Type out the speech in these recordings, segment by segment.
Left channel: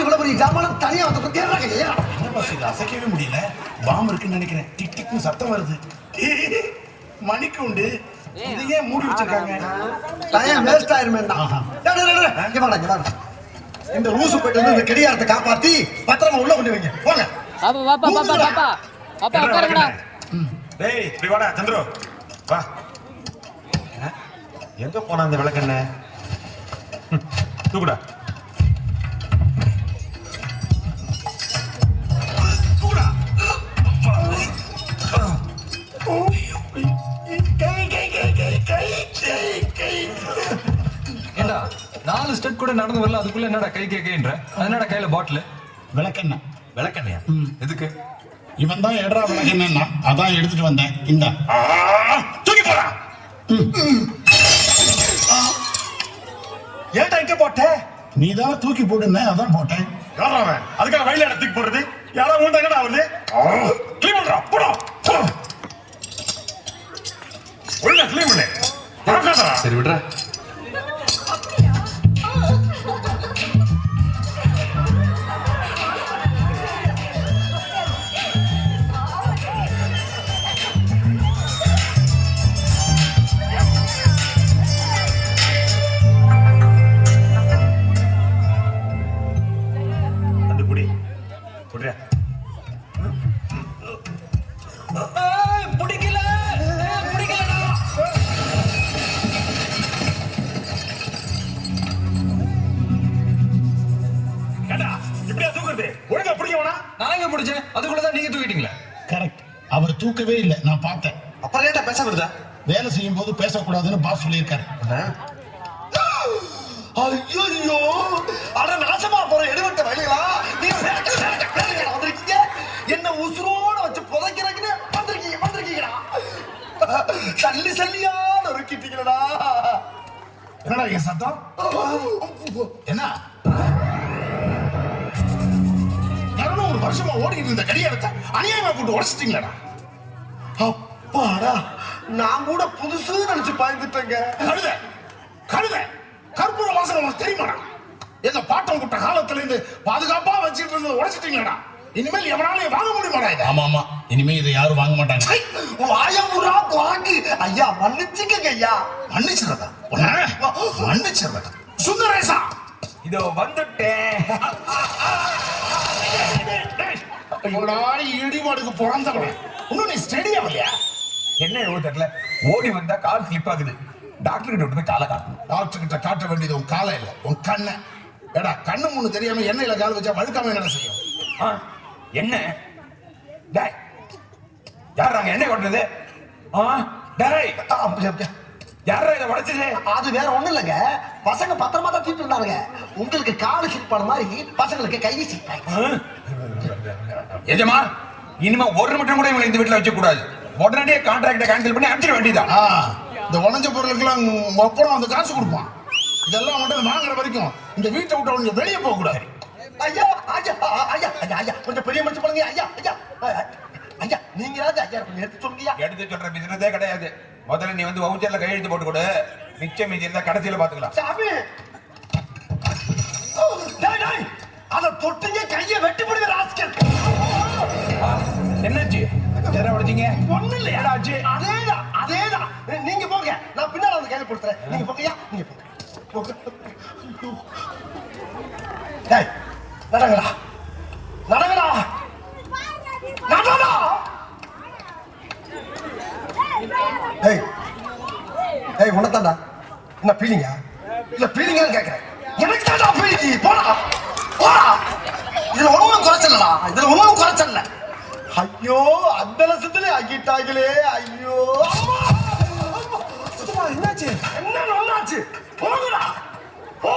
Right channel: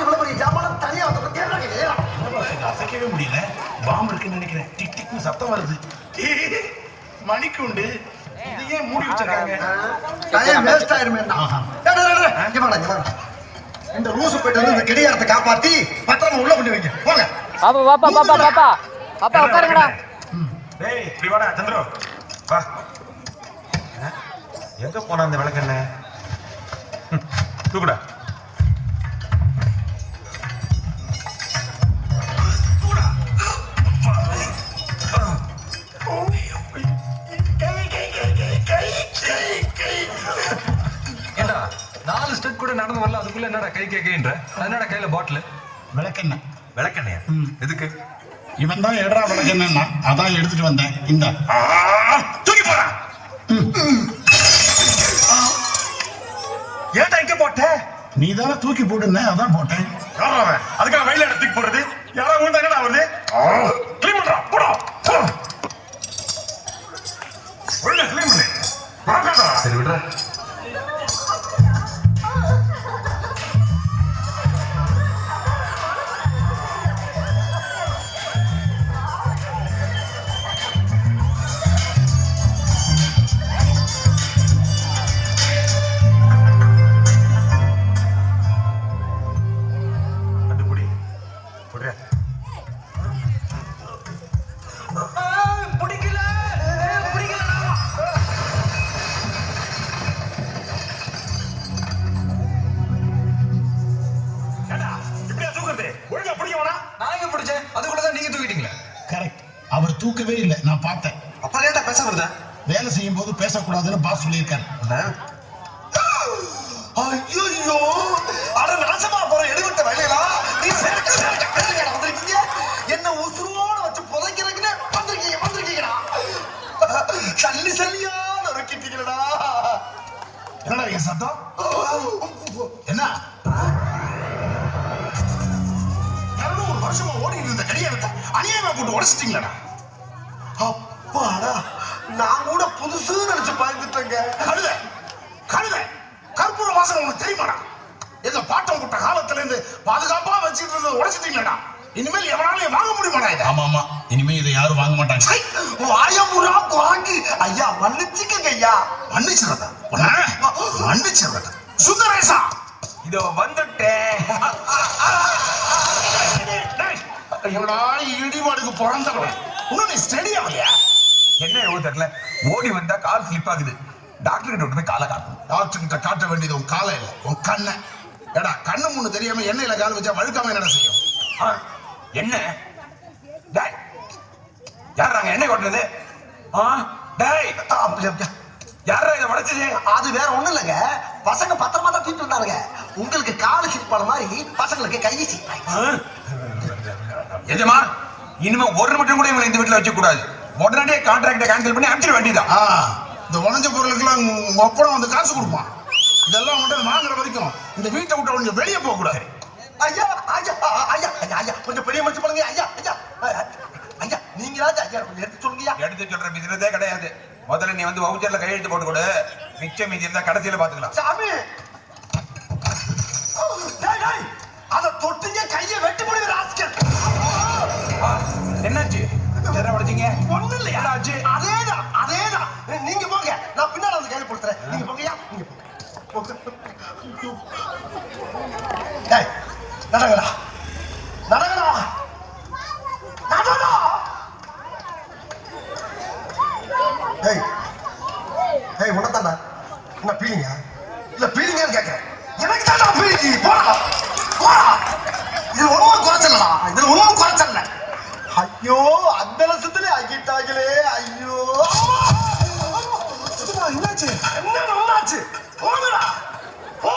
இவ்வளவு பெரிய ஜாமான் தனியா வந்து அசைக்கவே முடியல. பாம்பு இருக்குன்னு நினைக்கிறேன். டிக் டிக்னு சத்தம் வருது. மணிக்கு உண்டு. இது ஏன் மூடி வச்சிருக்காங்க? வேஸ்ட் ஆயிருமே. இந்த ரூசு போயிட்டு வந்து இந்த கடிகாரத்தை காப்பாத்தி பத்திரமா உள்ள கொண்டு வைங்க. போங்க. பாப்பா பாப்பா பாப்பா பாப்பா பாப்பா உட்காருங்கடா. டேய் திரிவாடா சந்திரு வா. எங்க போனா அந்த விளக்கண்ண? தூக்குடா. ஏண்டா 4 ஸ்டெப் கூட நடந்து வரல, அதுக்குள்ள என்னடா கை கேக்குன்ற? என்னடா கையில பாட்டில்? விளக்கண்ண. விளக்கண்ணையா? எதுக்கு? இவன் தான் எடரா விளக்கண்ணா, அதான் எடுத்துட்டு வந்தேன். இந்த தூக்கி போடா. ஏன்டா இங்க போட்ட? நீ தானே தூக்கி போடுன, அதான் போட்டேன். அதுக்காக வயல தூக்கி போடுறது? யாரா வந்து என்னடா வருது? கிளீன் பண்றா. போடா. உள்ள கிளீன் பண்ணு. வாங்கடா. சரி விடுற. அவர் தூக்கவே இல்லை, நான் பார்த்தேன். அப்புறம் ஏன்டா பேச வருதா? வேலை செய்யும் போது பேசக்கூடாதுன்னு பாஸ் சொல்லியிருக்காரு. ஐயோ, அட நாசமா போற எடுவட்ட வேலைகளா? நீ வந்திருக்கீங்க, என்ன உசுரோட வச்சு புதைக்கிறதுன்னு வந்திருக்கீங்கடா. சல்லி சல்லியா நொறுக்கிட்டீங்களா? என்னடா என் சத்தம்? என்ன 200 வருஷமா ஓடிட்டு இருந்த கடிகாரத்தை அநியாயமா போட்டு உடைச்சிட்டீங்களா? அப்பாடா, நான் கூட புதுசு நினைச்சு பயந்துட்டேங்க. கழுத கழுத கற்பூர வாசகம் உனக்கு தெரியுமாடா? எங்க பாட்டம் போட்ட காலத்துல இருந்து பாதுகாப்பா வச்சுட்டு இருந்ததை உடைச்சிட்டீங்களா? இனிமேல் எவனாலையும் வாங்க முடியுமாடா இது? ஆமா ஆமா, இனிமே இதை யாரும் வாங்க மாட்டாங்க. வாயமுறா வாங்கி ஐயா மன்னிச்சுக்கங்க ஐயா. மன்னிச்சிடறதா? மன்னிச்சிடறதா? சுந்தரேசா இதோ வந்துட்டேன். இடிபாடுக்கு பிறந்தவன் இன்னும் நீ ஸ்டெடி ஆகலையா? என்ன எவ்வளவு தெரியல, ஓடி வந்தா கால் ஸ்லிப் ஆகுது. டாக்டர் கிட்ட விட்டு போய் காலை காட்டணும். டாக்டர் கிட்ட காட்ட வேண்டியது உன் காலை இல்ல, உன் கண்ணை. ஏடா, கண்ணு முன்னு தெரியாம எண்ணெயில கால் வச்சா வழுக்காம என்ன செய்யும்? என்ன யார் எண்ணெய் கொட்டது? யாரா இதை உடைச்சது? அது வேற ஒண்ணும் இல்லைங்க, பசங்க பத்திரமா தான் தூக்கிட்டு வந்தாருங்க. உங்களுக்கு காலு சிக் பண்ண மாதிரி பசங்களுக்கு கை சிக் ஆயிடுச்சு. எஜமா, இனிமே ஒரு மட்டும் கூட இவங்களை இந்த வீட்டுல வச்ச கூடாது. உடனடியே கான்ட்ராக்டை கேன்சல் பண்ணி அடிச்சிட வேண்டியதான். இந்த உடஞ்ச பொருளுக்கெல்லாம் அப்புறம் வந்து காசு கொடுப்பான். இதெல்லாம் மட்டும் வாங்குற வரைக்கும் இந்த வீட்டை விட்டு கொஞ்சம் வெளியே போக கூடாது. ஐயா ஐயா ஐயா ஐயா கொஞ்சம் பெரிய மனுஷன் பண்ணுங்க. ஐயா ஐயா ஐயா, நீங்களாச்சும் ஐயா கொஞ்சம் எடுத்து சொல்லுங்கய்யா. எடுத்து சொல்ற பிசினஸே கிடையாது. முதல்ல நீ வந்து வவுச்சர்ல கையெழுத்து போட்டு கொடு. மிச்சம் மீதி இருந்தா கடைசியில பாத்துக்கலாம். சாமி, அத தொட்டிங்க கையை வெட்டி போடுங்க ராஸ்கல். என்னாச்சு? உடைச்சிங்க? ஒண்ணு இல்லையா? அதேதான். நீங்க போங்க, நான் பின்னால வந்து கையில கொடுத்துறேன். நீங்க போங்கய்யா, நீங்க போங்க. நடங்கடா நடங்கடா நடடா. உனத்தாண்டா என்ன பீலிங்கா? இல்ல பீலிங்கான்னு கேட்கிறேன். எனக்கு தாண்டா பீலிங்கி. போடா போடா. இதுல ஒண்ணும் குறைச்சல்ல. ஐயோ, அந்த லட்சத்திலே ஆகிட்டாங்களே. ஐயோ, என்னாச்சு? என்னாச்சு? போங்கடா போ.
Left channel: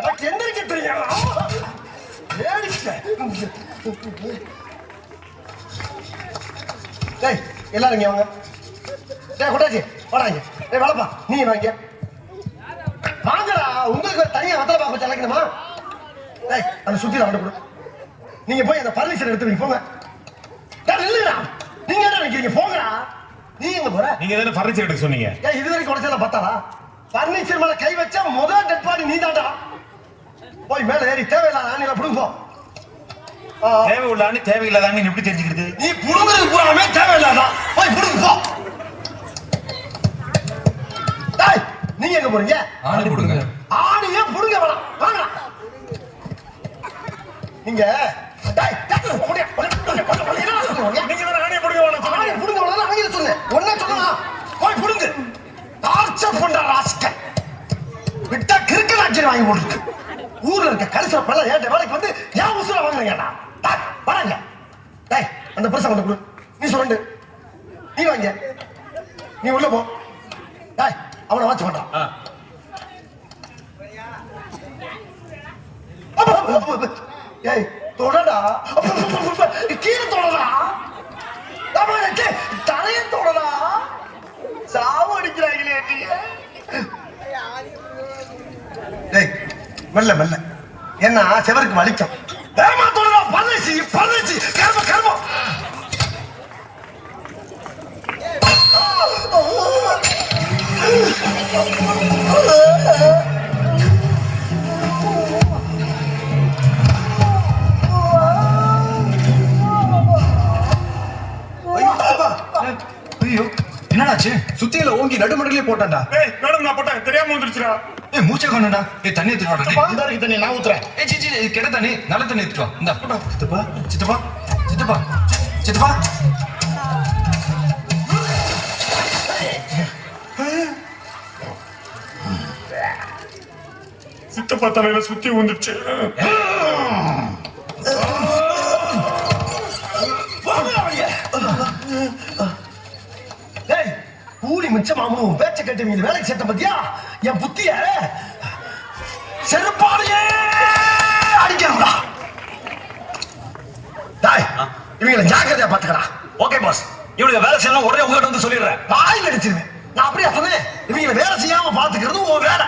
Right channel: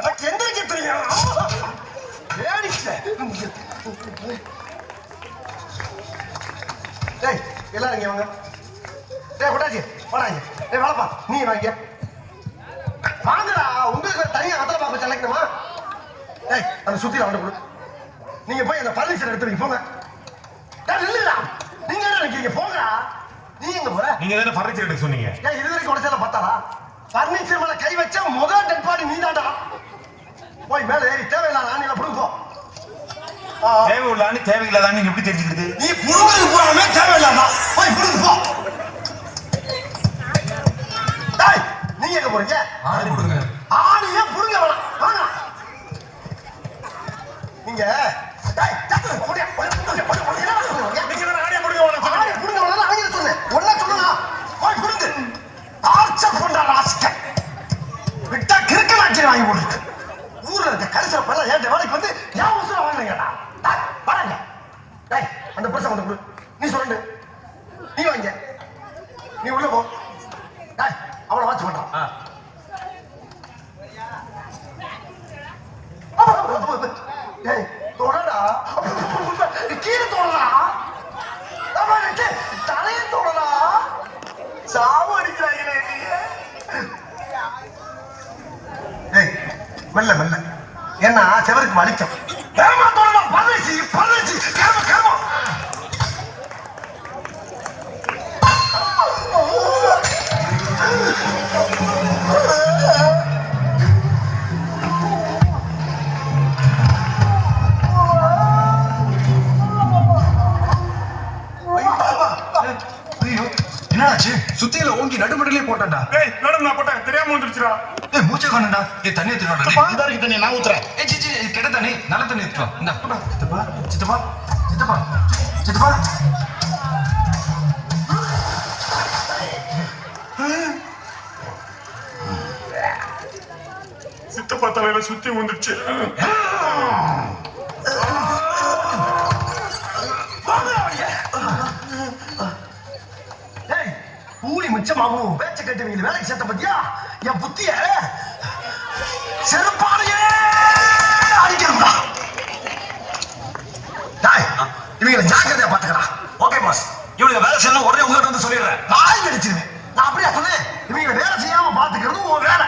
எனக்கு எந்திரிக்க தெரியும். எல்லாரும் இங்க வாங்க. கொட்டாச்சி வாடாங்க. வேலைப்பா, நீ வாங்க. வாங்கடா, உங்களுக்கு தனியா வத்தல பாக்க தலைக்கணுமா? அந்த சுத்தில வந்து கொடு. நீங்க போய் அந்த பர்மிஷன் எடுத்து வைங்க. போங்க. இல்லடா, நீங்க என்ன நினைக்கிறீங்க? போங்கடா. நீ எங்க போற? நீங்க தானே ஃபர்னிச்சர் எடுக்க சொன்னீங்க. இது வரைக்கும் உடைச்சல பத்தாடா? பர்னிச்சர் மேல கை வச்சா முதல் டெட் பாடி நீ தாண்டா. போய் மேல ஏறி தேவையில்லாத ஆணிகளை புடுங்க போ. தேவை உள்ள ஆணி தேவையில்லாத ஆணி எப்படி தெரிஞ்சுக்கிறது? நீ புடுங்குறது போறாமே தேவையில்லாதான் போய் புடுங்க போ. டேய் நீங்க எங்க போறீங்க? ஆணி கொடுங்க. ஆணியே புடுங்க வேணாம் வாங்க. நீங்க டேய் டக்குனு ஓடியா. நீங்க தான ஆணியை புடுங்க வேணாம் ஆணி புடுங்க வேணாம் ஆணியை சொன்னேன். ஒண்ணே சொல்லுங்க. போய் புடுங்க. டார்ச்சர் பண்ற ராஸ்கல். விட்டா கிறுக்கு நாச்சி வாங்கி போட்டுருக்கு. ஊர்ல இருக்க கரிசன பல்ல ஏட்ட வேலைக்கு வந்து ஏன் உசுர வாங்குறீங்கடா? டேய் வரங்க. டேய் அந்த பர்ஸ் கொண்டு கொடு. நீ சொல்லு. நீ வாங்க. நீ உள்ள போ. டேய் அவனை வாட்ச் பண்றான். ஏய் தொடடா. கீழே தொடடா. தரைய தொடடா. சாவு அடிக்கிறாங்களே நீ. டேய் மெல்ல மெல்ல என்ன செவருக்கு வலிக்கும். ஏமா தொடடா. பரதேசி பரதேசி கர்ம கர்ம. என்னடாச்சு? சுத்தியில ஓங்கி நடுமடலே போட்டான்டா. ஏய் மேடம் நான் போட்டேன் தெரியாம வந்துருச்சுடா. ஏய் மூச்சை காணும்டா. ஏய் தண்ணி எடுத்துட்டு வாடா. இந்த இருக்கு தண்ணி நான் ஊத்துறேன். ஏய் சி கெட்ட தண்ணி நல்ல தண்ணி எடுத்துட்டு வா. இந்த போடா. சித்தப்பா சித்தப்பா சித்தப்பா சித்தப்பா. சித்தப்பா தலையில சுத்தி வந்துருச்சு. டேய் கூலி மிச்சமாகும் பேச்ச கட்டுவீங்க வேலைக்கு சேர்த்த பத்தியா என் புத்திய செருப்பாடையே அடிக்கணும்டா. டேய் இவங்களை ஜாக்கிரதையா பாத்துக்கலாம். Okay boss. இவளுக்கு வேலை செய்யலாம் உடனே உங்ககிட்ட வந்து சொல்லிடுறேன். வாயில் அடிச்சிருவேன். நான் அப்படியே சொன்னேன். இவங்களை வேலை செய்யாம பாத்துக்கிறது உன் வேலை.